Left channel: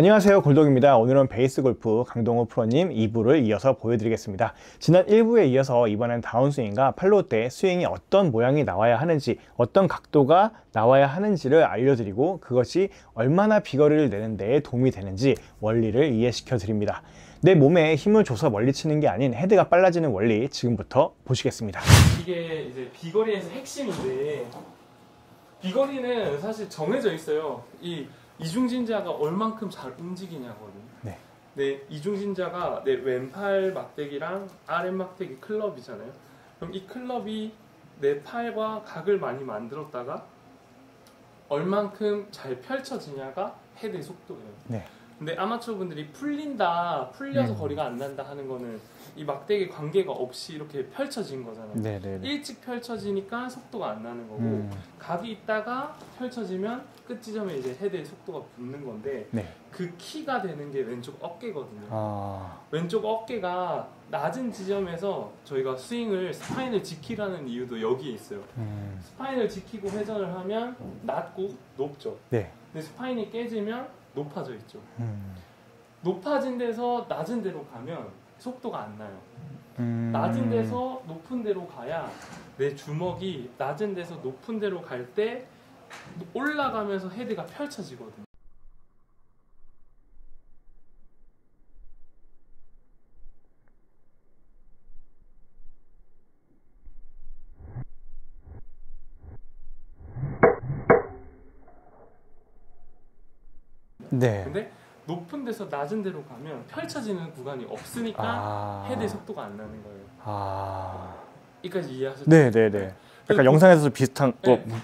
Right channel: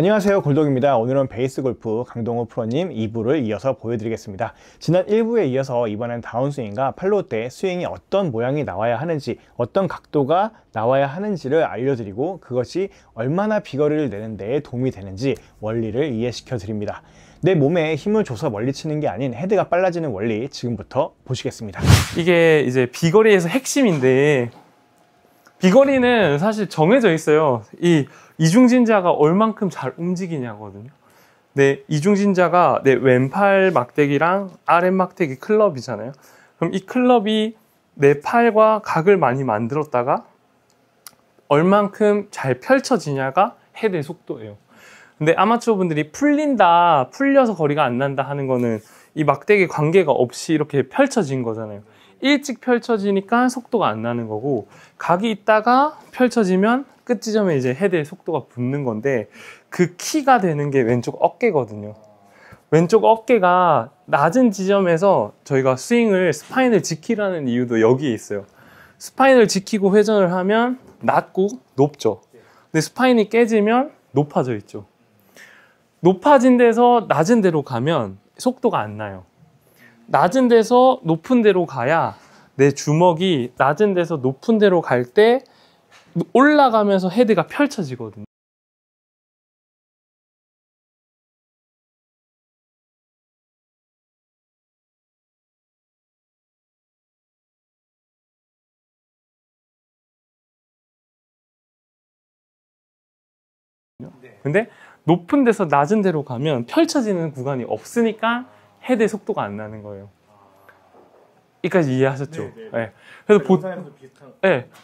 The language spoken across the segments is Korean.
안녕하세요, 골독입니다. 오늘은 베이스골프 강동호 프로님 2부를 이어서 보여드리겠습니다. 지난 1부에 이어서 이번엔 다운스윙과 팔로우 때 스윙이 어떤 모양이 나와야 하는지, 어떤 각도가 나와야 하는지를 알려드리고 그것이 얼마나 비거리를 내는 데에 도움이 되는지 원리를 이해시켜 드립니다. 내 몸에 힘을 줘서 멀리 치는 게 아닌 헤드가 빨라지는 원리, 지금부터 보시겠습니다. 이게 이제 비거리에서 핵심인데, 비거리는 사실 정해져 있어요. 이 이중진자가 얼만큼 잘 움직이냐거든요. 네, 이중진자가 내 왼팔 막대기랑 아랫 막대기 클럽이잖아요. 그럼 이 클럽이 내 팔과 각을 많이 만들었다가 얼만큼 잘 펼쳐지냐가 헤드의 속도예요. 근데 아마추어 분들이 풀려서 거리가 안 난다 하는 거는 이 막대기 관계가 없이 이렇게 펼쳐진 거잖아요. 일찍 펼쳐지니까 속도가 안 나는 거고, 각이 있다가 펼쳐지면 끝 지점에 이제 헤드의 속도가 붙는 건데, 그 키가 되는 게 왼쪽 어깨거든요. 왼쪽 어깨가 낮은 지점에서 저희가 스파인을 지키라는 이유도 여기에 있어요. 스파인을 지키고 회전을 하면 낮고 높죠. 근데 스파인이 깨지면 높아져 있죠. 높아진 데서 낮은 데로 가면 속도가 안 나요. 낮은 데서 높은 데로 가야 내 주먹이 낮은 데서 높은 데로 갈 때 올라가면서 헤드가 펼쳐지거든요. 근데 높은 데서 낮은 데로 가면 펼쳐지는 구간이 없으니까 헤드의 속도가 안 나는 거예요. 여기까지 이해하셨죠? 네네네. 그래서 영상에서도 비슷한.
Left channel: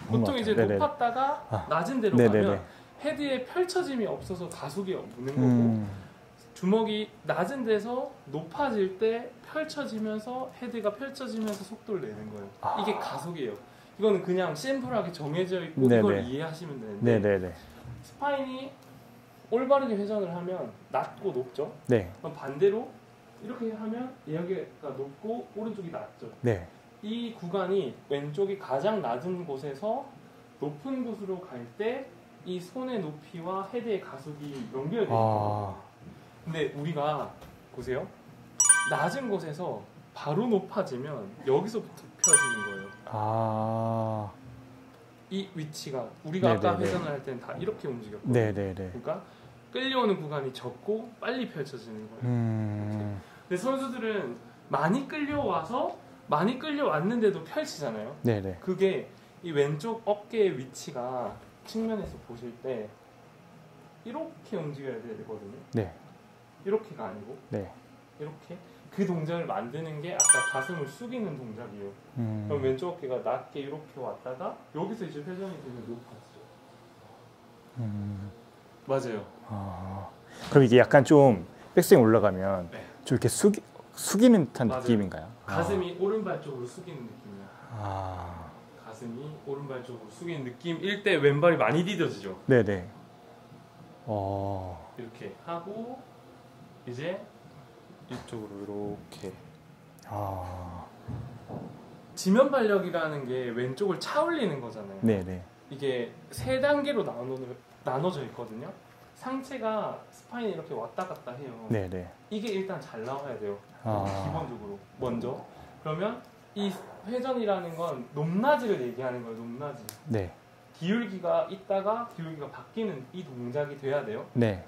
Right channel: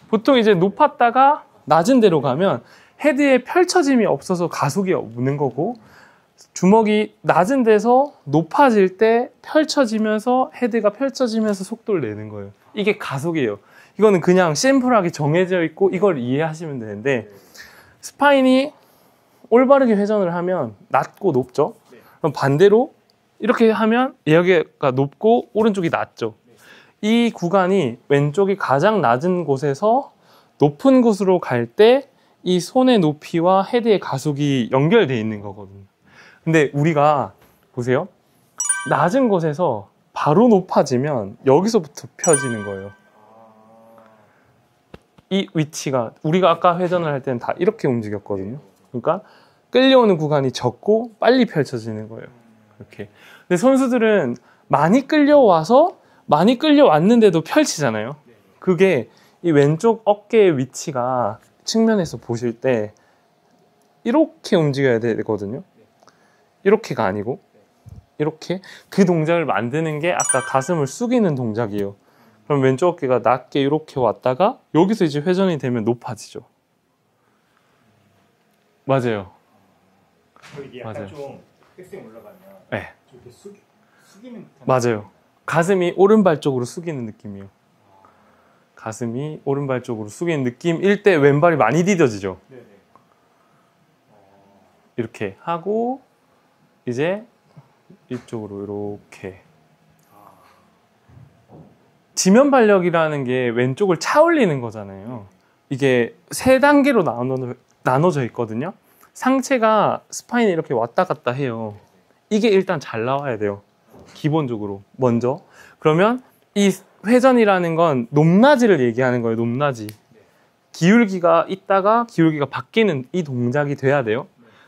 보통 이제 높았다가 낮은 데로 가면 헤드에 펼쳐짐이 없어서 가속이 없는 거고, 주먹이 낮은 데서 높아질 때 펼쳐지면서 헤드가 펼쳐지면서 속도를 내는 거예요. 이게 가속이에요. 이거는 그냥 심플하게 정해져 있고 이걸 이해하시면 되는데, 스파인이 올바르게 회전을 하면 낮고 높죠. 그럼 반대로 이렇게 하면 여기가 높고 오른쪽이 낮죠. 이 구간이 왼쪽이 가장 낮은 곳에서 높은 곳으로 갈 때 이 손의 높이와 헤드의 가속이 연결되어 있는 거거든요. 근데 우리가 보세요. 낮은 곳에서 바로 높아지면 여기서부터 펴지는 거예요. 이 위치가 우리가 아까 회전을 할 때는 다 이렇게 움직였거든요. 그러니까 끌려오는 구간이 적고 빨리 펼쳐지는 거예요. 이렇게. 근데 선수들은 많이 끌려왔는데도 펼치잖아요. 그게 이 왼쪽 어깨의 위치가 측면에서 보실 때 이렇게 움직여야 되거든요. 이렇게가 아니고 이렇게. 그 동작을 만드는 게 아까 가슴을 숙이는 동작이에요. 그럼 왼쪽 어깨가 낮게 이렇게 왔다가 여기서 이제 회전이 되면 높아지죠. 맞아요. 그럼 이게 약간 좀 백스윙 올라가면 좀 이렇게 숙이는 듯한 느낌인가요? 가슴이 오른발 쪽으로 숙이는 느낌이에요. 가슴이 오른발 쪽으로 숙이는 느낌일 때 왼발이 많이 디뎌지죠. 이렇게 하고 이제 이쪽으로 이렇게. 지면 발력이라는 게 왼쪽을 차 올리는 거잖아요. 이게 세 단계로 나눠져 있거든요. 상체가 스파인이 이렇게 왔다 갔다 해요. 이게 일단 잘 나와야 돼요. 기본적으로 먼저. 그러면 이 회전이라는 건 높낮이를 얘기하는 거예요. 높낮이. 기울기가 있다가 기울기가 바뀌는 이 동작이 돼야 돼요.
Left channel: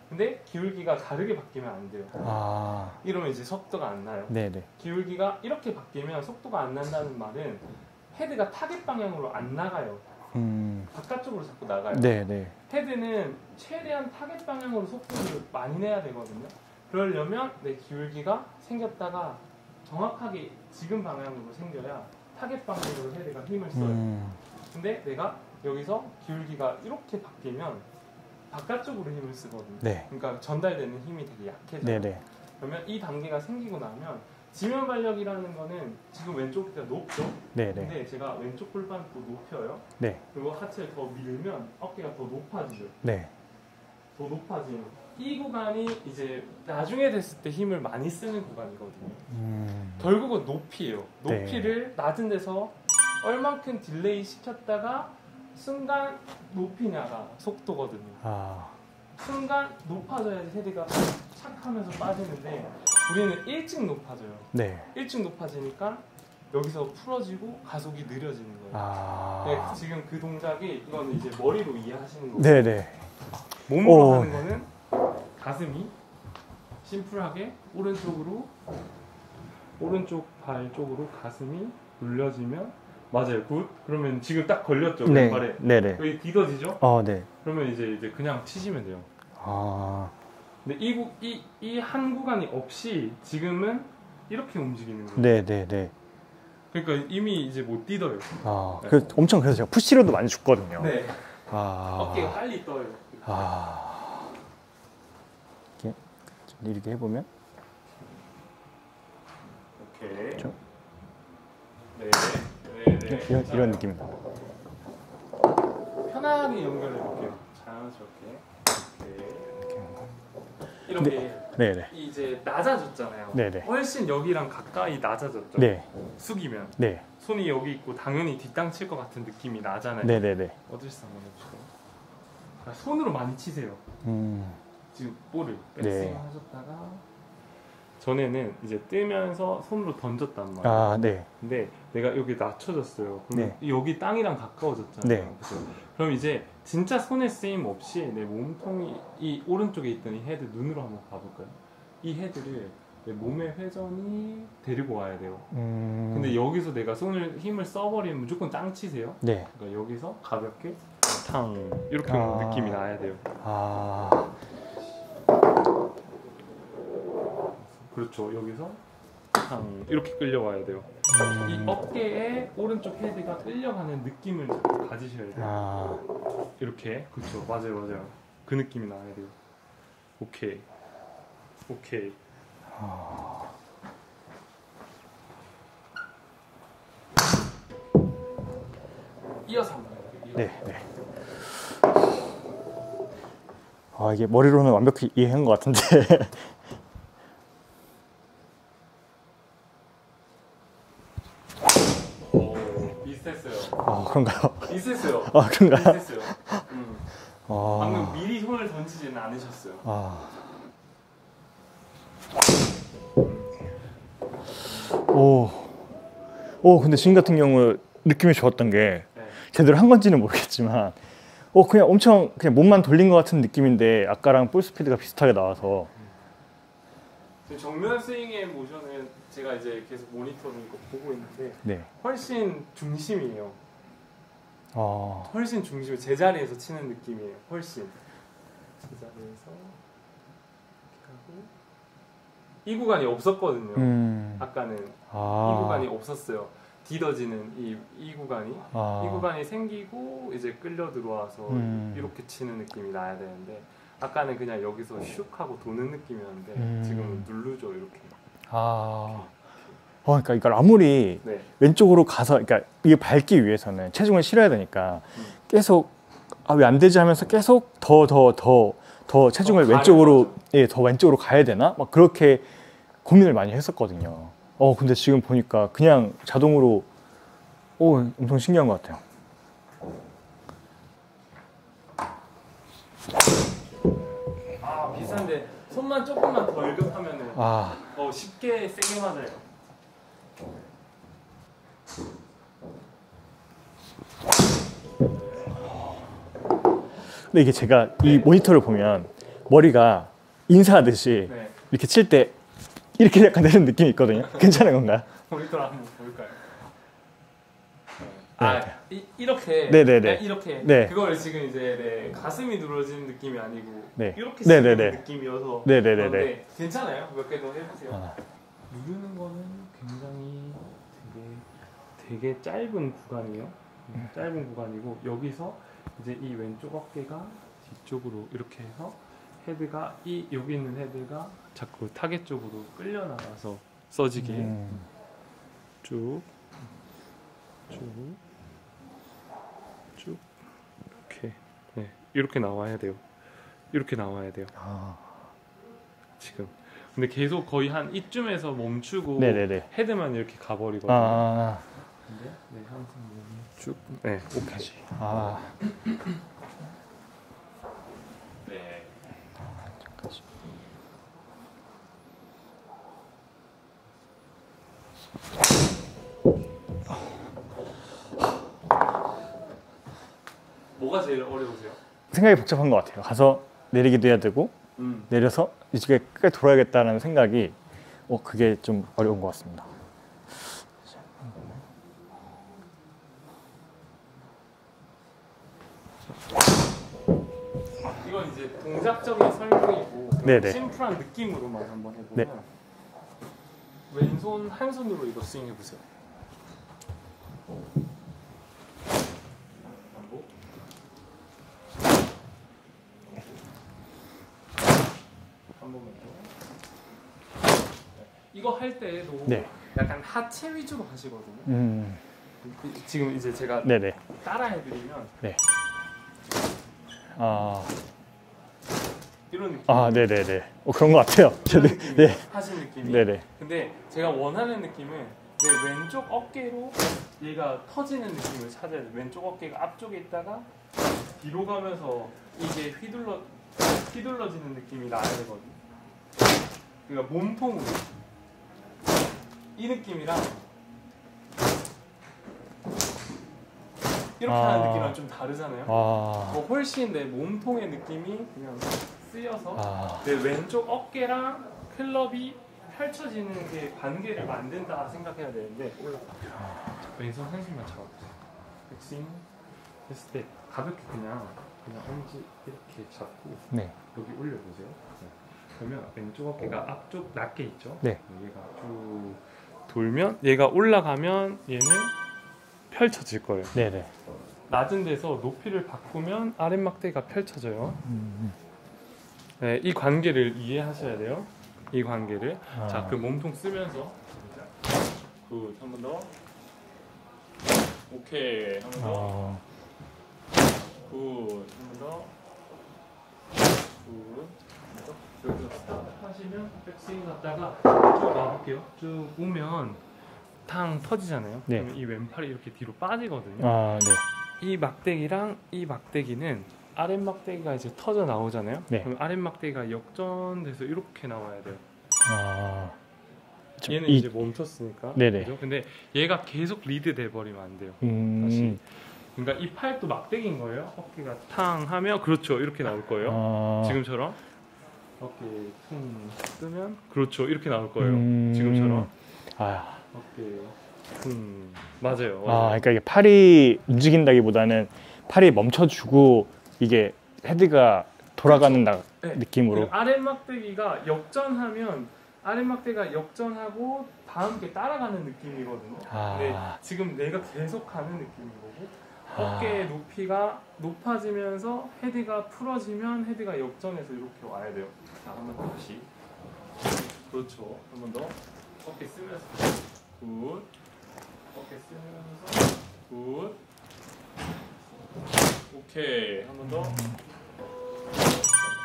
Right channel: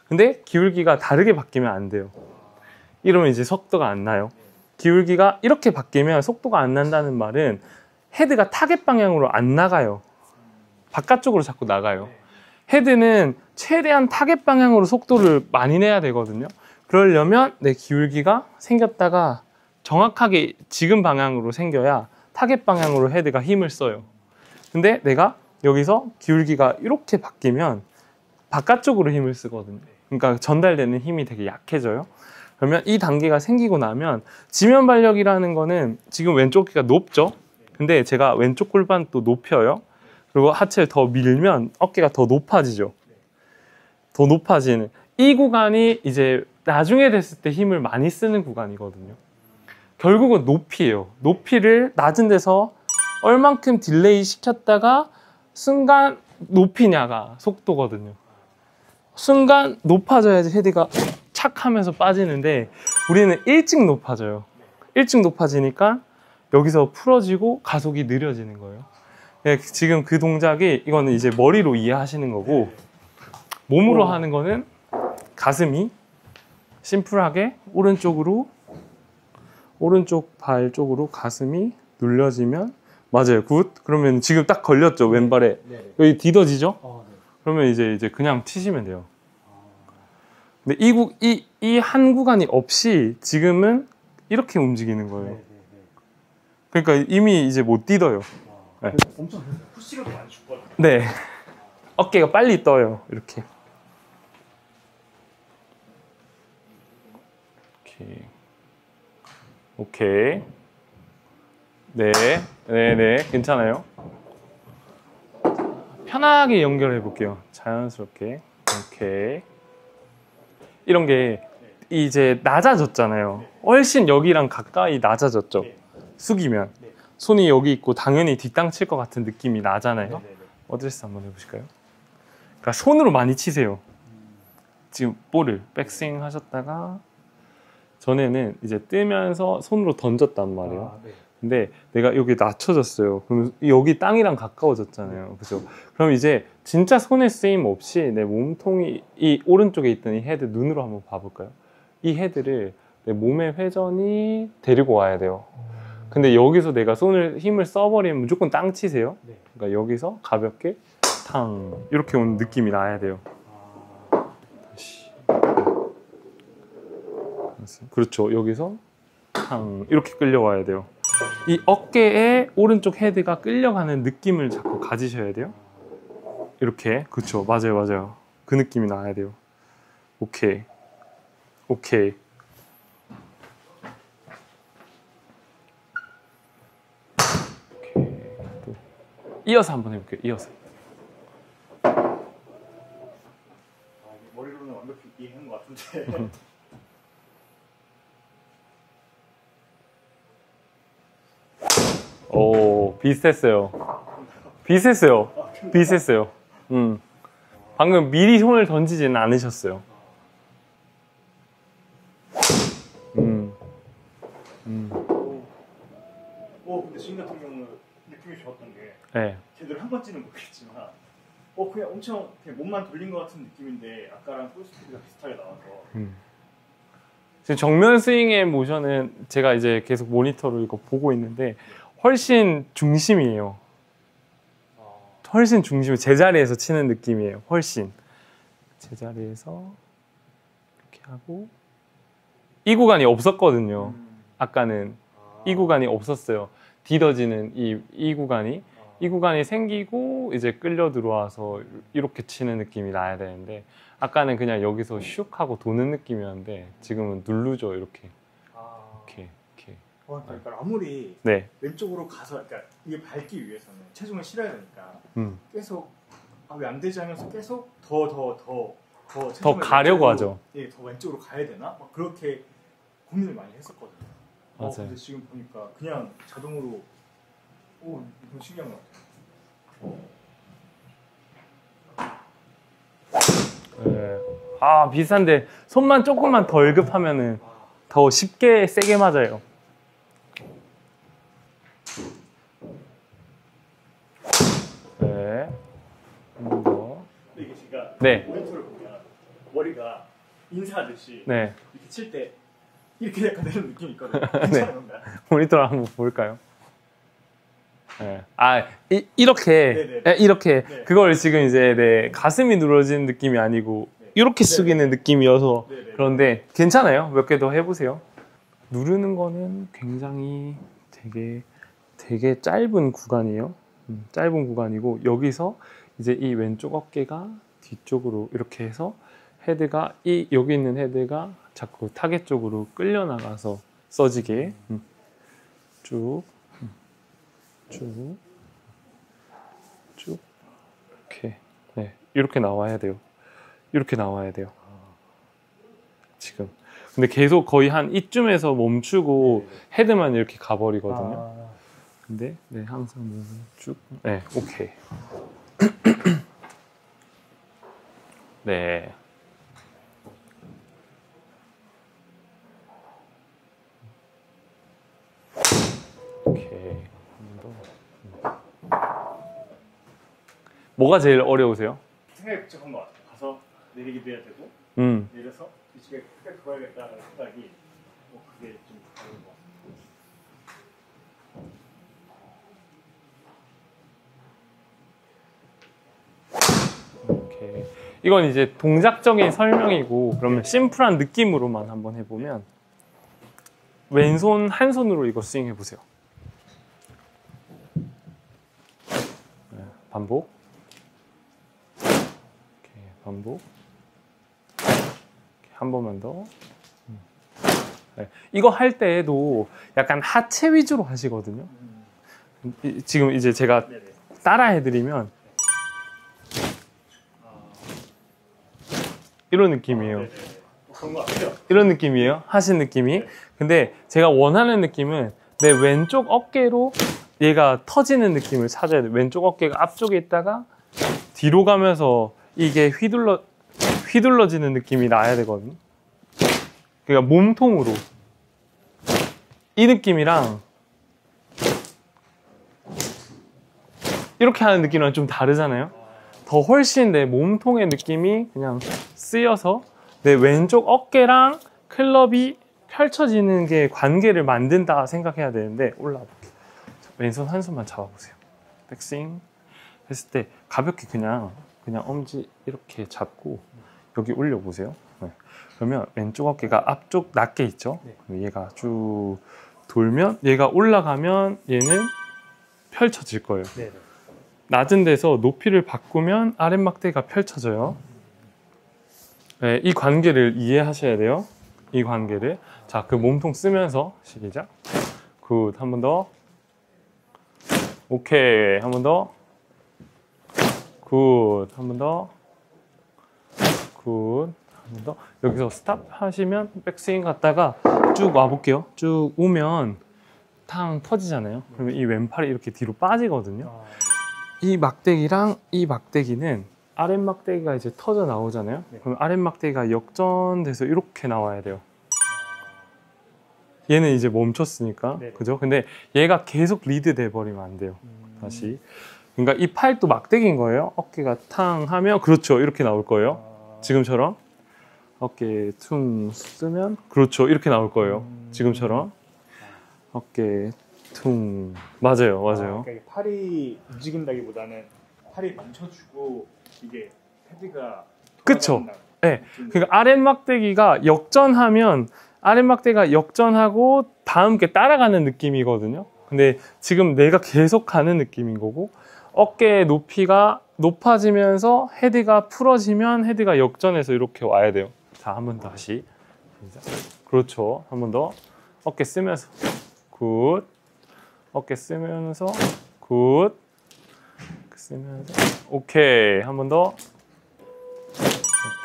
근데 기울기가 다르게 바뀌면 안 돼요. 이러면 이제 속도가 안 나요. 기울기가 이렇게 바뀌면 속도가 안 난다는 말은 헤드가 타겟 방향으로 안 나가요. 바깥쪽으로 자꾸 나가요. 헤드는 최대한 타겟 방향으로 속도를 많이 내야 되거든요. 그러려면 내 기울기가 생겼다가 정확하게 지금 방향으로 생겨야 타겟 방향으로 헤드가 힘을 써요. 근데 내가 여기서 기울기가 이렇게 바뀌면 바깥쪽으로 힘을 쓰거든요. 그러니까 전달되는 힘이 되게 약해져요. 그러면 이 단계가 생기고 나면 지면 발력이라는 거는 지금 왼쪽 어깨가 높죠. 근데 제가 왼쪽 골반 또 높여요. 그리고 하체를 더 밀면 어깨가 더 높아지죠. 더 높아지는 이 구간이 이제 나중에 됐을 때 힘을 많이 쓰는 구간이거든요. 결국은 높이에요. 높이를 낮은 데서 얼만큼 딜레이 시켰다가 순간 높이냐가 속도거든요. 순간 높아져야지 헤드가 착 하면서 빠지는데 우리는 일찍 높아져요. 네. 일찍 높아지니까 여기서 풀어지고 가속이 느려지는 거예요. 네, 지금 그 동작이 이거는 이제 머리로 이해하시는 거고 네네. 몸으로 하는 거는 가슴이 심플하게 오른쪽으로 오른쪽 발 쪽으로 가슴이 눌려지면 맞아요. 굿. 그러면 지금 딱 걸렸죠. 네. 왼발에. 네네. 여기 디뎌지죠? 네. 그러면 이제 그냥 치시면 돼요. 근데 이 한 구간이 없이 지금은 이렇게 움직이는 거예요. 네네네. 그러니까 이미 이제 못 뛰어요. 네. 엄청 그래서 제가 푸시로도 많이 줬거든요. 네. 어깨가 빨리 떠요. 이렇게. 이렇게 해보면. 오케이. 네. 네네. 괜찮아요. 편하게 연결해 볼게요. 자연스럽게. 오케이. 이런 게 네네. 이제 낮아졌잖아요. 네네. 훨씬 여기랑 가까이 낮아졌죠. 네. 숙이면 네. 손이 여기 있고 당연히 뒷땅 칠 것 같은 느낌이 나잖아요. 네네네. 어드레스 한번 해보실까요? 그러니까 손으로 많이 치세요. 지금 볼을 백스윙 네. 하셨다가 전에는 이제 뜨면서 손으로 던졌단 말이에요. 네. 근데 내가 여기 낮춰졌어요. 그러면 여기 땅이랑 가까워졌잖아요. 네. 그죠? 그럼 이제 진짜 손에 쓰임 없이 내 몸통이 이 오른쪽에 있던 이 헤드 눈으로 한번 봐볼까요? 이 헤드를 내 몸의 회전이 데리고 와야 돼요. 근데 여기서 내가 힘을 써버리면 무조건 땅 치세요. 네. 그러니까 여기서 가볍게 탕 이렇게 오는 느낌이 나야 돼요. 그렇죠. 여기서 탕 이렇게 끌려와야 돼요. 이 어깨에 오른쪽 헤드가 끌려가는 느낌을 자꾸 가지셔야 돼요. 이렇게. 그렇죠. 맞아요. 그 느낌이 나야 돼요. 오케이. 이어서 한번 해볼게요. 이어서. 네. 이게 머리로는 완벽히 이해한 것 같은데. 오, 비슷했어요. 그런가요? 비슷했어요. 그런가요? 비슷했어요. 방금 미리 손을 던지지는 않으셨어요. 근데 지금 같은 경우 느낌이 좋았던 게 네. 제대로 한 건지는 모르겠지만 그냥 엄청 그냥 몸만 돌린 것 같은 느낌인데 아까랑 볼 스피드가 비슷하게 나와서 지금 정면 스윙의 모션은 제가 이제 계속 모니터로 이거 보고 있는데 네. 훨씬 중심이에요. 훨씬 중심이 제자리에서 치는 느낌이에요. 훨씬 제자리에서 이렇게 하고 이 구간이 없었거든요. 아까는 이 구간이 없었어요. 디뎌지는 이 구간이 이 구간이 생기고 이제 끌려 들어와서 이렇게 치는 느낌이 나야 되는데 아까는 그냥 여기서 슉 하고 도는 느낌이었는데 지금은 누르죠 이렇게. 그러니까 이걸 아무리 네. 왼쪽으로 가서 그러니까 이게 밟기 위해서는 체중을 실어야 되니까 계속 왜 안 되지 하면서 계속 더 체중을 더 왼쪽으로 하죠. 더 왼쪽으로 가야 되나 막 그렇게 고민을 많이 했었거든요. 근데 지금 보니까 그냥 자동으로 엄청 신기한 것 같아요. 네. 비슷한데 손만 조금만 덜 급하면은 더 쉽게 세게 맞아요. 네. 근데 이게 제가 네. 이 모니터를 보면 머리가 인사하듯이 네. 이렇게 칠 때 이렇게 약간 내는 느낌이 있거든요. 괜찮은 건가요? 모니터를 한번 볼까요? 네. 이렇게 네네네. 이렇게 네. 그걸 지금 이제 가슴이 누러지는 느낌이 아니고 네. 이렇게 네네네. 숙이는 느낌이어서 네네네네. 그런데 괜찮아요. 몇 개 더 해보세요. 누르는 거는 굉장히 되게 짧은 구간이에요. 짧은 구간이고 여기서 이제 이 왼쪽 어깨가 뒤쪽으로 이렇게 해서 헤드가 여기 있는 헤드가 자꾸 타겟 쪽으로 끌려 나가서 써지게 쭉 이렇게 이렇게 나와야 돼요. 이렇게 나와야 돼요. 지금 근데 계속 거의 한 이쯤에서 멈추고 네네네. 헤드만 이렇게 가버리거든요. 근데 항상 몸을 쭉 오케이. 네. 오케이. 뭐가 제일 어려우세요? 생각이 복잡한 것 같아요. 가서 내리기도 해야 되고 내려서 이쪽에 끝까지 돌아야겠다는 생각이 그게 좀 어려운 것 같습니다. 오케이. 이건 이제 동작적인 설명이고 그럼 네네. 심플한 느낌으로만 한번 해보면 네. 왼손 한 손으로 이거 스윙 해보세요. 반복. 반복. 한 번만 더. 네. 이거 할 때에도 네. 약간 하체 위주로 하시거든요. 지금 이제 제가 네네. 따라 해드리면 네. 이런 느낌이에요. 네네네. 그런 것 같아요. 이런 느낌이에요. 네. 하신 느낌이. 네네. 근데 제가 원하는 느낌은 내 왼쪽 어깨로 얘가 터지는 느낌을 찾아야 돼요. 왼쪽 어깨가 앞쪽에 있다가 뒤로 가면서 이게 휘둘러지는 느낌이 나야 되거든요. 그러니까 몸통으로 이 느낌이랑 이렇게 하는 느낌이랑 좀 다르잖아요. 더 훨씬 내 몸통의 느낌이 그냥 쓰여서 내 왼쪽 어깨랑 클럽이 펼쳐지는 게 관계를 만든다 생각해야 되는데 올라가. 왼손 한 손만 잡아보세요. 백스윙 했을 때 가볍게 그냥 엄지 이렇게 잡고 여기 올려보세요. 그러면 왼쪽 어깨가 앞쪽 낮게 있죠. 얘가 쭉 돌면 얘가 올라가면 얘는 펼쳐질 거예요. 낮은 데서 높이를 바꾸면 아랫막대가 펼쳐져요. 네, 이 관계를 이해하셔야 돼요. 이 관계를. 자, 그 몸통 쓰면서 시작. 굿. 한 번 더. 오케이. 한 번 더. 굿. 한 번 더. 굿. 한 번 더. 여기서 스탑 하시면 백스윙 갔다가 쭉 와볼게요. 쭉 오면 탕 터지잖아요. 그러면 이 왼팔이 이렇게 뒤로 빠지거든요. 이 막대기랑 이 막대기는 아랫막대기가 이제 터져 나오잖아요. 그럼 아랫막대기가 역전돼서 이렇게 나와야 돼요. 얘는 이제 멈췄으니까. 그죠? 근데 얘가 계속 리드 돼 버리면 안 돼요. 다시. 그러니까 이 팔도 막대기인 거예요. 어깨가 탕 하면 그렇죠. 이렇게 나올 거예요. 지금처럼. 어깨 퉁 쓰면 그렇죠. 이렇게 나올 거예요. 지금처럼. 어깨 퉁. 맞아요. 그러니까 이게 팔이 움직인다기보다는 팔이 멈춰주고 이게 헤드가 돌아가는 느낌으로. 그러니까 아랫막대기가 역전하면 아랫막대가 역전하고 다 함께 따라가는 느낌이거든요. 근데 지금 내가 계속 가는 느낌인 거고 어깨의 높이가 높아지면서 헤드가 풀어지면 헤드가 역전해서 이렇게 와야 돼요. 자, 한 번 다시. 그렇죠. 한 번 더. 어깨 쓰면서 굿. 어깨 쓰면서 굿. 오케이. 한 번 더.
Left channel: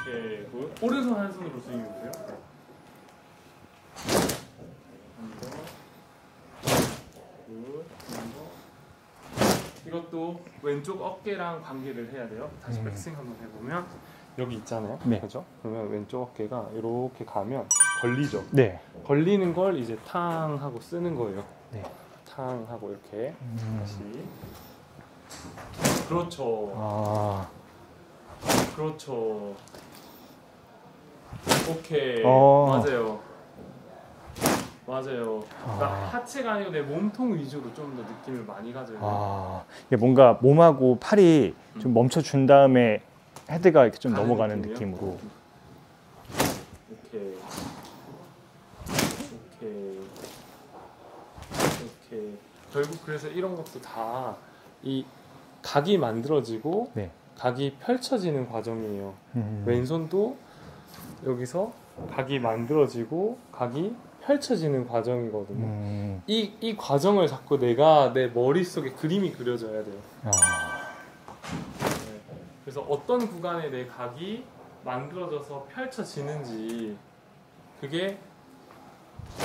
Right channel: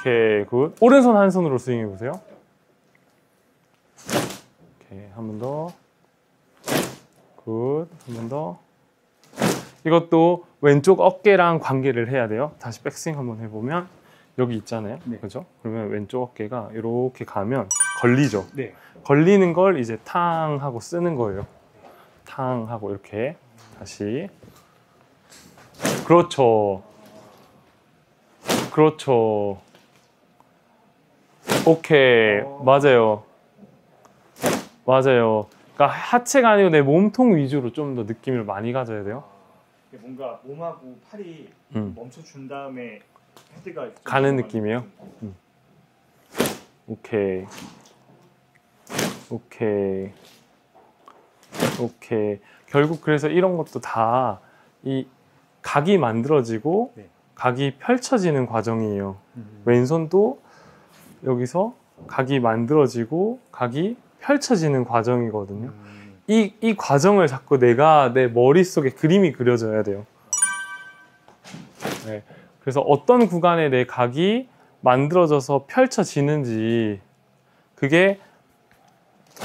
오케이. 굿. 오른손 한 손으로 스윙해 보세요. 오케이. 한 번 더. 굿. 한 번 더. 이것도 왼쪽 어깨랑 관계를 해야 돼요. 다시 백스윙 한번 해보면 여기 있잖아요. 그죠? 그러면 왼쪽 어깨가 이렇게 가면 걸리죠. 걸리는 걸 이제 탕 하고 쓰는 거예요. 탕 하고 이렇게 다시. 그렇죠. 그렇죠. 오케이. 맞아요. 그러니까 하체가 아니고 내 몸통 위주로 좀 더 느낌을 많이 가져야 돼요. 이게 뭔가 몸하고 팔이 좀 멈춰준 다음에 헤드가 이렇게 좀 가는 넘어가는 느낌이요? 느낌으로. 오케이. 결국 그래서 이런 것도 다 이 각이 만들어지고 각이 펼쳐지는 과정이에요. 왼손도 여기서 각이 만들어지고 각이 펼쳐지는 과정이거든요. 이 과정을 자꾸 내가 내 머릿속에 그림이 그려져야 돼요. 그래서 어떤 구간에 내 각이 만들어져서 펼쳐지는지 그게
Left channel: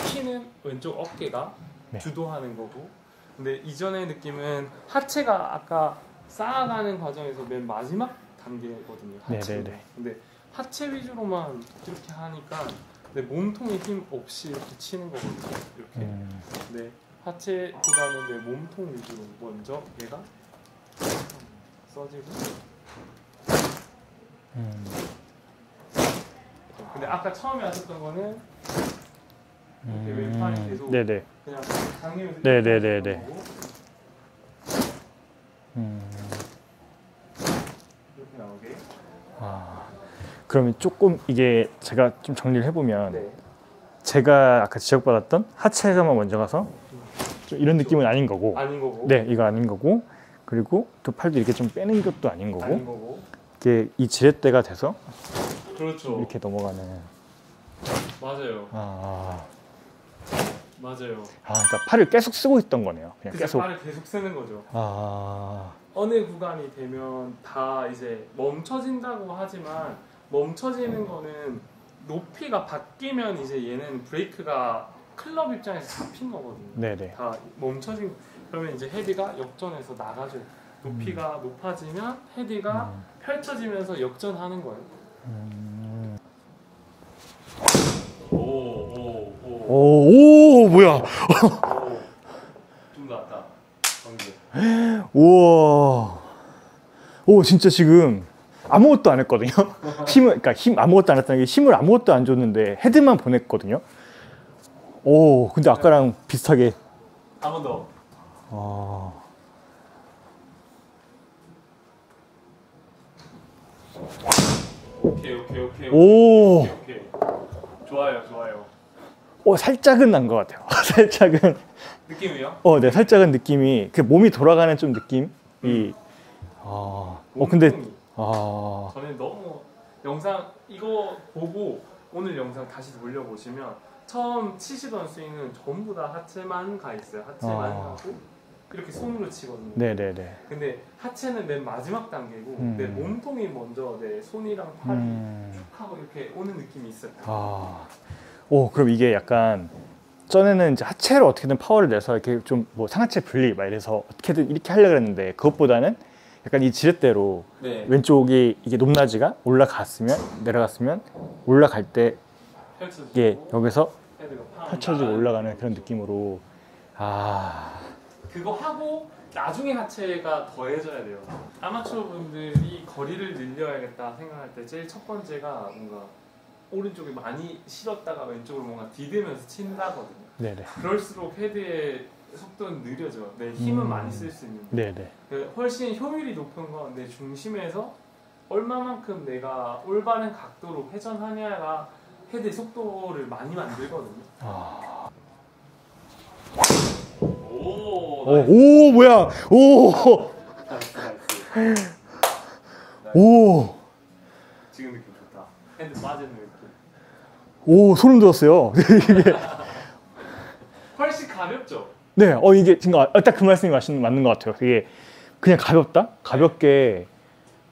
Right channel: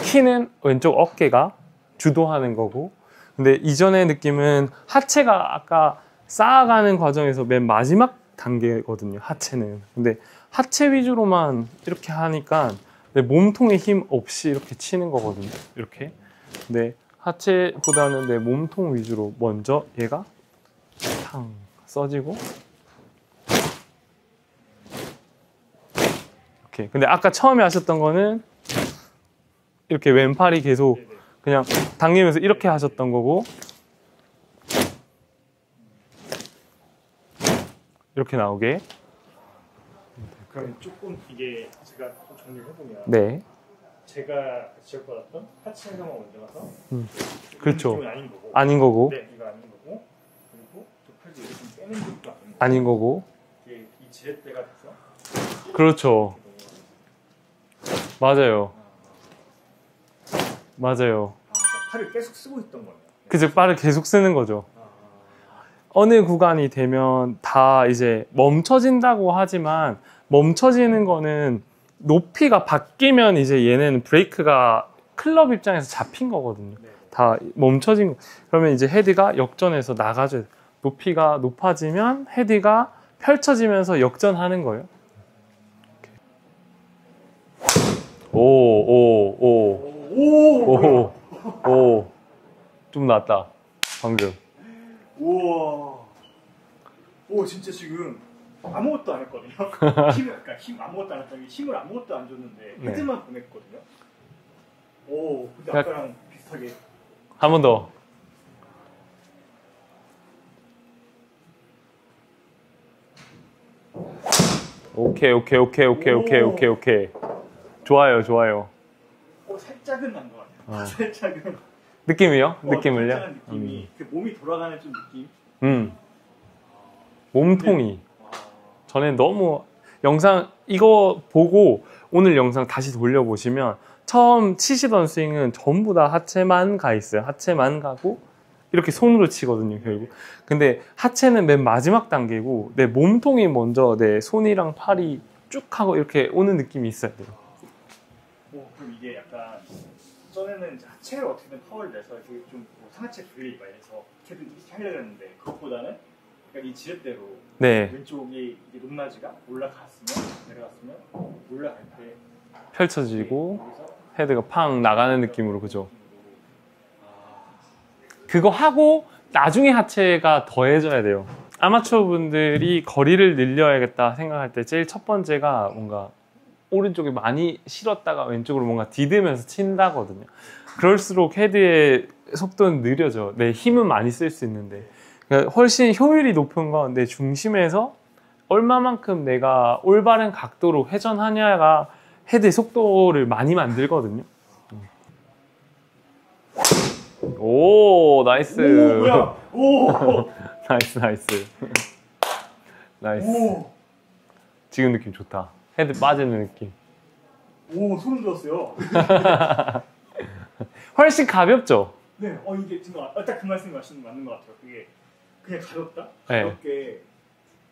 키는 왼쪽 어깨가 주도하는 거고 근데 이전의 느낌은 하체가 아까 쌓아가는 과정에서 맨 마지막 단계거든요. 하체는. 근데 하체 위주로만 이렇게 하니까 내 몸통에 힘 없이 이렇게 치는 거거든요. 이렇게. 내 하체보다는 내 몸통 위주로 먼저 얘가 탕 써지고. 오케이. 근데 아까 처음에 하셨던 거는 이렇게 왼팔이 계속 네네. 그냥 당기면서 이렇게 네네네네. 하셨던 거고. 이렇게 나오게. 그러면 조금 이게 제가 좀 정리를 해보면 네. 제가 아까 지적받았던 하체에서만 먼저 가서 좀 이런 그렇죠. 느낌은 아닌 거고, 아닌 거고. 네, 이거 아닌 거고, 그리고 두 팔도 이렇게 좀 빼는 것도 아닌 거고, 아닌 거고. 이게 이 지렛대가 돼서 그렇죠. 이렇게 넘어가는. 맞아요. 아, 맞아요. 그러니까 팔을 계속 쓰고 있던 거네요. 그냥 그래서 계속. 발을 계속 쓰는 거죠. 아, 어느 구간이 되면 다 이제 멈춰진다고 하지만 멈춰지는 거는 높이가 바뀌면 이제 얘는 브레이크가 클럽 입장에서 잡힌 거거든요. 네네. 다 멈춰진 거. 그러면 이제 헤드가 역전해서 나가줘요. 높이가 높아지면 헤드가 펼쳐지면서 역전하는 거예요. 오, 뭐야? 오, 좀 낫다. 방금. 우와. 오, 진짜 지금 아무것도 안 했거든요. 그러니까 아무것도 안 했다는 게 힘을 아무것도 안 줬는데 헤드만 보냈거든요. 오, 근데 아까랑 비슷하게. 한 번 더. 아. 오케이. 오. 좋아요. 살짝은 난 것 같아요. 살짝은. 느낌이요? 네, 느낌을요? 살짝은 느낌이 그 몸이 돌아가는 좀 느낌. 몸통이. 전에 너무 영상 이거 보고 오늘 영상 다시 돌려보시면 처음 치시던 스윙은 전부 다 하체만 가 있어요. 하체만 가고 이렇게 손으로 치거든요. 네네네. 근데 하체는 맨 마지막 단계고 내 몸통이 먼저 내 손이랑 팔이 쭉 하고 이렇게 오는 느낌이 있어요. 오, 그럼 이게 약간 전에는 이제 하체로 어떻게든 파워를 내서 이렇게 좀 뭐 상하체 분리 막 이래서 어떻게든 이렇게 하려고 했는데 그것보다는 약간 이 지렛대로 네. 왼쪽이 이게 높낮이가 올라갔으면 내려갔으면 올라갈 때 이게 펼쳐지고 여기서 헤드가 팡 펼쳐지고 나가는 올라가는 느낌으로 그런 그죠? 느낌으로. 그거 하고 나중에 하체가 더해져야 돼요. 아마추어 분들이 거리를 늘려야겠다 생각할 때 제일 첫 번째가 뭔가 오른쪽에 많이 실었다가 왼쪽으로 뭔가 디디면서 친다거든요. 네네. 그럴수록 헤드의 속도는 느려져. 내 힘은 많이 쓸 수 있는데 네네. 그러니까 훨씬 효율이 높은 건 내 중심에서 얼마만큼 내가 올바른 각도로 회전하냐가 헤드의 속도를 많이 만들거든요. 오, 나이스. 오, 뭐야? 오, 나이스. 오, 지금 느낌 좋다. 헤드 빠지는 느낌. 오, 소름 돋았어요. 훨씬 가볍죠? 네, 이게 지금 딱 그 말씀이 맞는 것 같아요. 이게 그냥 가볍다? 가볍게.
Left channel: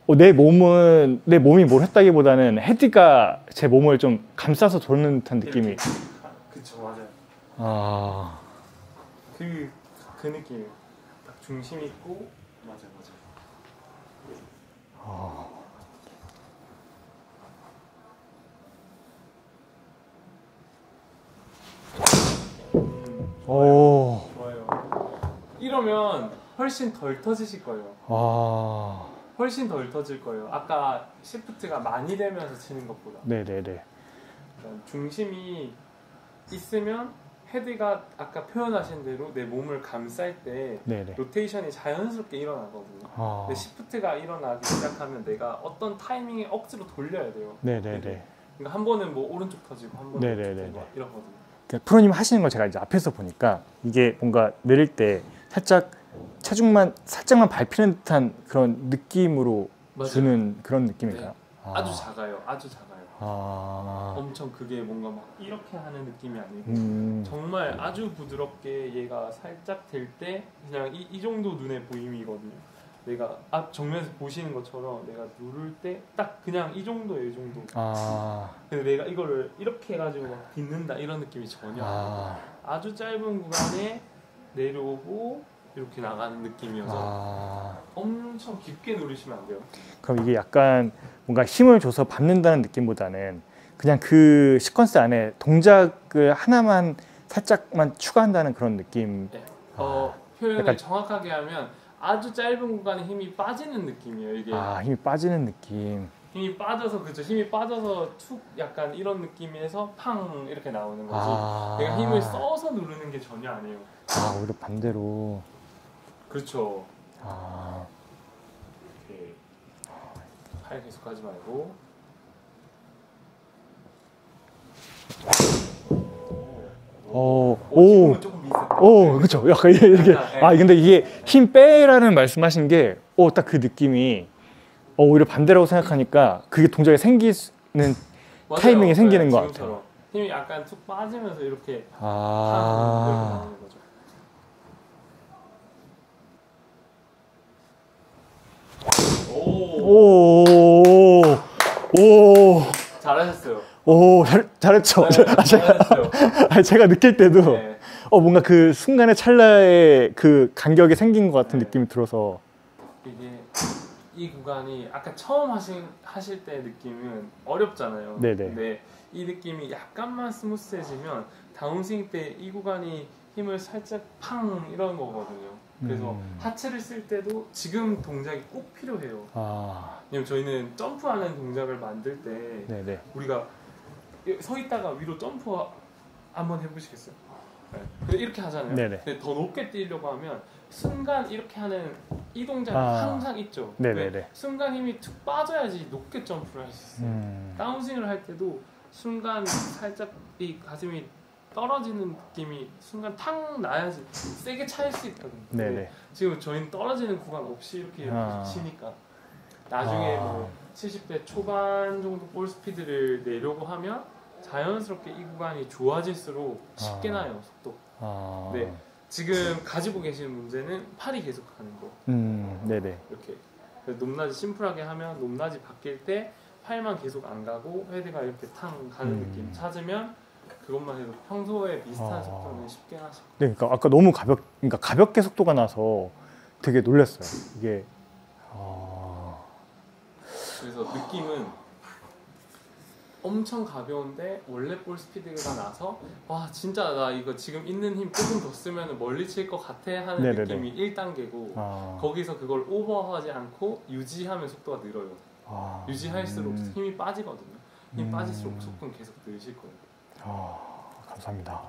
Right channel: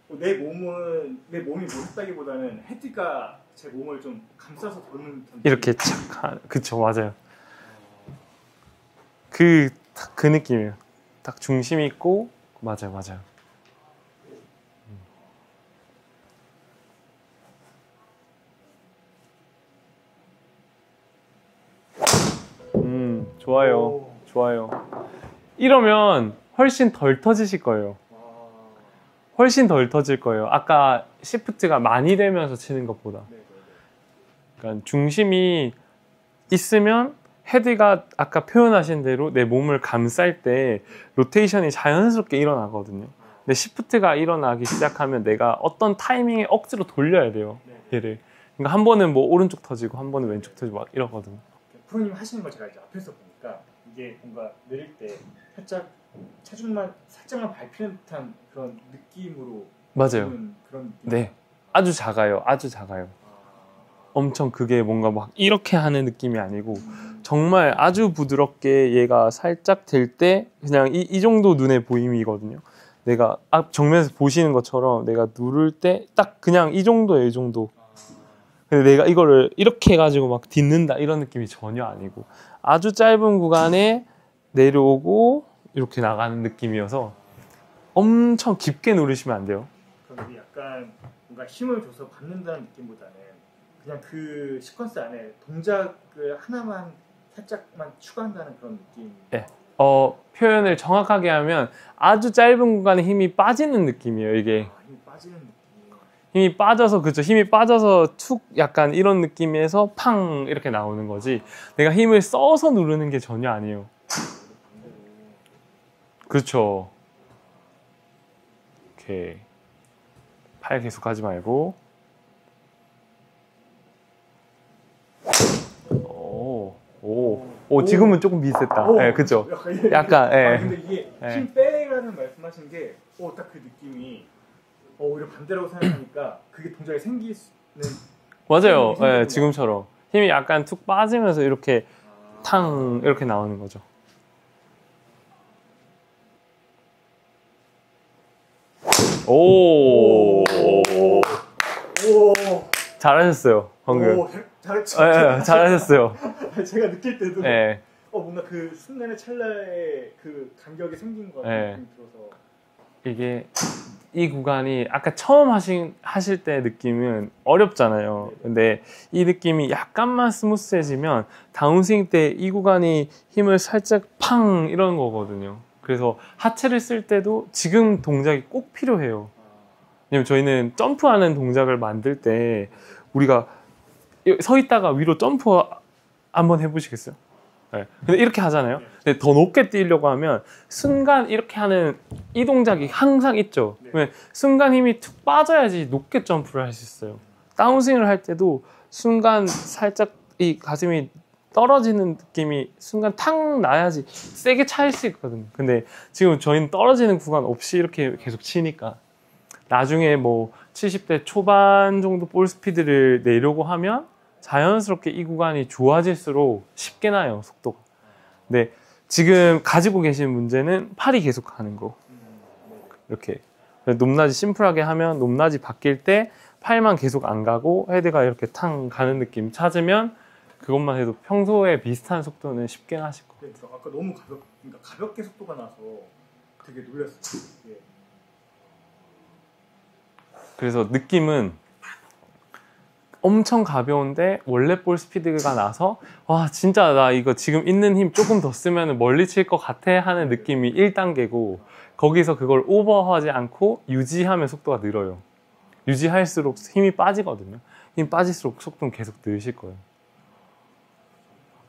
내 몸이 뭘 했다기보다는 헤드가 제 몸을 좀 감싸서 도는 듯한 느낌이. 이렇게 착. 그쵸, 맞아요. 아, 그 느낌이에요. 딱 중심 있고, 맞아요. 좋아요. 이러면 훨씬 덜 터지실 거예요. 훨씬 덜 터질 거예요. 아까 시프트가 많이 되면서 치는 것보다. 네네네. 그러니까 중심이 있으면 헤드가 아까 표현하신 대로 내 몸을 감쌀 때 네네. 로테이션이 자연스럽게 일어나거든요. 근데 시프트가 일어나기 시작하면 내가 어떤 타이밍에 억지로 돌려야 돼요. 네네네. 얘를. 그러니까 한 번은 뭐 오른쪽 터지고 한 번은 왼쪽 네네네. 터지고 막 이러거든요. 프로님 하시는 걸 제가 이제 앞에서 보니까 이게 뭔가 내릴 때 살짝 체중만 살짝만 밟히는 듯한 그런 느낌으로 주는 그런 느낌이에요. 네. 아주 작아요. 아. 엄청 그게 뭔가 막 이렇게 하는 느낌이 아니고 정말 아주 부드럽게 얘가 살짝 될 때 그냥 이 정도 눈에 보임이거든요. 내가 앞 정면에서 보시는 것처럼 내가 누를 때 딱 그냥 이 정도예요, 이 정도. 근데 내가 이거를 이렇게 해가지고 막 딛는다 이런 느낌이 전혀 아니고 아주 짧은 구간에 내려오고 이렇게 나가는 느낌이어서 엄청 깊게 누르시면 안 돼요. 그럼 이게 약간 뭔가 힘을 줘서 밟는다는 느낌보다는 그냥 그 시퀀스 안에 동작을 하나만 살짝만 추가한다는 그런 느낌. 네. 표현을 약간... 정확하게 하면 아주 짧은 공간에 힘이 빠지는 느낌이에요. 이게 힘이 빠지는 느낌. 힘이 빠져서 그죠. 힘이 빠져서 툭 약간 이런 느낌에서 팡 이렇게 나오는 거지. 내가 힘을 써서 누르는 게 전혀 아니에요. 오히려 반대로. 그렇죠. 오케이. 팔 계속 하지 말고. 지금은 조금 비슷했다. 네, 그렇죠. 약간 근데 이게 힘 빼라는 말씀하신 게 딱 그 느낌이 오히려 반대라고 생각하니까 그게 동작이 생기는 타이밍이 생기는 거 지금처럼 힘이 약간 툭 빠지면서 이렇게 탕 이렇게 나오는 거죠. 오 잘하셨어요. 잘했죠. 네, 잘하셨어요. 제가 느낄 때도 뭔가 그 순간의 찰나의 그 간격이 생긴 것 같은 느낌이 들어서 이게 이 구간이 아까 처음 하실 때 느낌은 어렵잖아요. 네네. 근데 이 느낌이 약간만 스무스해지면 다운스윙 때 이 구간이 힘을 살짝 팡 이런 거거든요. 그래서 하체를 쓸 때도 지금 동작이 꼭 필요해요. 왜냐면 저희는 점프하는 동작을 만들 때 우리가 서 있다가 위로 점프 한번 해보시겠어요? 근데 이렇게 하잖아요. 근데 더 높게 뛰려고 하면 순간 이렇게 하는 이 동작이 항상 있죠. 순간 힘이 툭 빠져야지 높게 점프를 할 수 있어요. 다운스윙을 할 때도 순간 살짝 이 가슴이 떨어지는 느낌이 순간 탁 나야지 세게 차일 수 있거든요. 근데 지금 저희는 떨어지는 구간 없이 이렇게 계속 치니까 나중에 뭐 70대 초반 정도 볼 스피드를 내려고 하면 자연스럽게 이 구간이 좋아질수록 쉽게 나요, 속도가. 네, 지금 가지고 계신 문제는 팔이 계속 가는 거. 이렇게 높낮이 심플하게 하면 높낮이 바뀔 때 팔만 계속 안 가고 헤드가 이렇게 탕 가는 느낌 찾으면 그것만 해도 평소에 비슷한 속도는 쉽게 나실 거예요. 네, 그러니까 아까 너무 가볍게 속도가 나서 되게 놀랐어요. 이게 그래서 느낌은 엄청 가벼운데 원래 볼 스피드가 나서 와 진짜 나 이거 지금 있는 힘 조금 더 쓰면 멀리 칠 것 같아 하는 느낌이 1단계고 거기서 그걸 오버하지 않고 유지하면 속도가 늘어요. 유지할수록 힘이 빠지거든요. 힘이 빠질수록 속도는 계속 늘실 거예요. 감사합니다.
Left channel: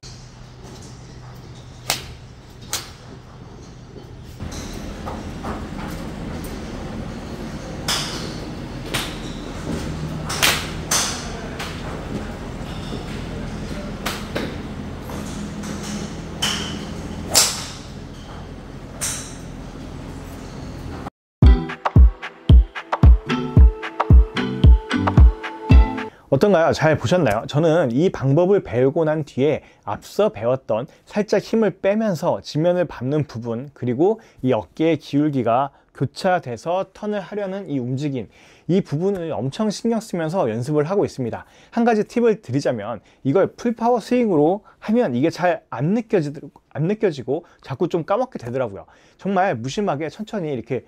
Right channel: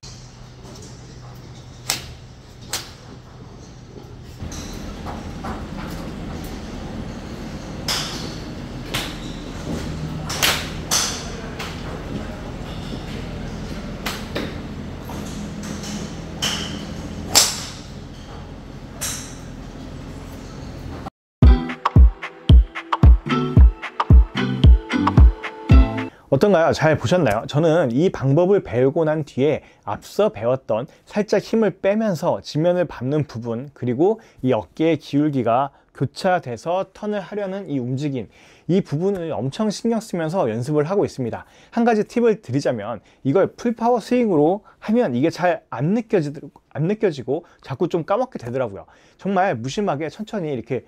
어떤가요? 잘 보셨나요? 저는 이 방법을 배우고 난 뒤에 앞서 배웠던 살짝 힘을 빼면서 지면을 밟는 부분, 그리고 이 어깨의 기울기가 교차돼서 턴을 하려는 이 움직임, 이 부분을 엄청 신경 쓰면서 연습을 하고 있습니다. 한 가지 팁을 드리자면 이걸 풀파워 스윙으로 하면 이게 잘 안 느껴지고 자꾸 좀 까먹게 되더라고요. 정말 무심하게 천천히 이렇게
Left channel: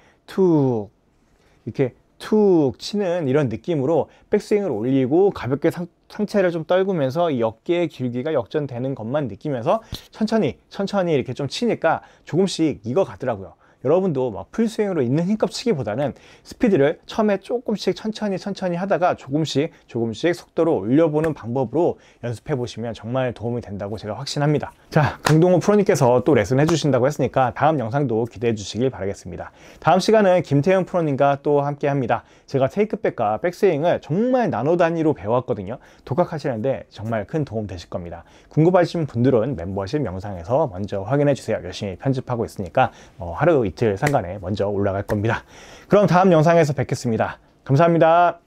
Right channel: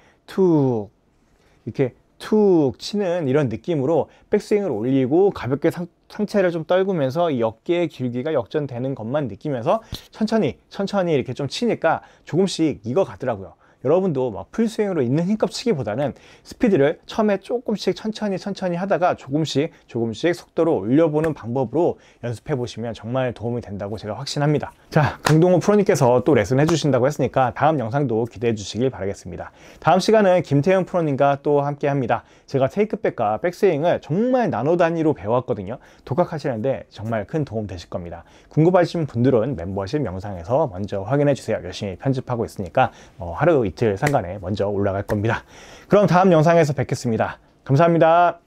툭 치는 이런 느낌으로 백스윙을 올리고 가볍게 상체를 좀 떨구면서 이 어깨의 길기가 역전되는 것만 느끼면서 천천히 이렇게 좀 치니까 조금씩 익어가더라고요. 여러분도 막 풀스윙으로 있는 힘껏 치기보다는 스피드를 처음에 조금씩 천천히 하다가 조금씩 속도를 올려보는 방법으로 연습해 보시면 정말 도움이 된다고 제가 확신합니다. 자, 강동호 프로님께서 또 레슨 해주신다고 했으니까 다음 영상도 기대해 주시길 바라겠습니다. 다음 시간은 김태형 프로님과 또 함께 합니다. 제가 테이크백과 백스윙을 정말 나노 단위로 배웠거든요. 독학하시는데 정말 큰 도움 되실 겁니다. 궁금하신 분들은 멤버십 영상에서 먼저 확인해 주세요. 열심히 편집하고 있으니까 하루 이틀 상간에 먼저 올라갈 겁니다. 그럼 다음 영상에서 뵙겠습니다. 감사합니다.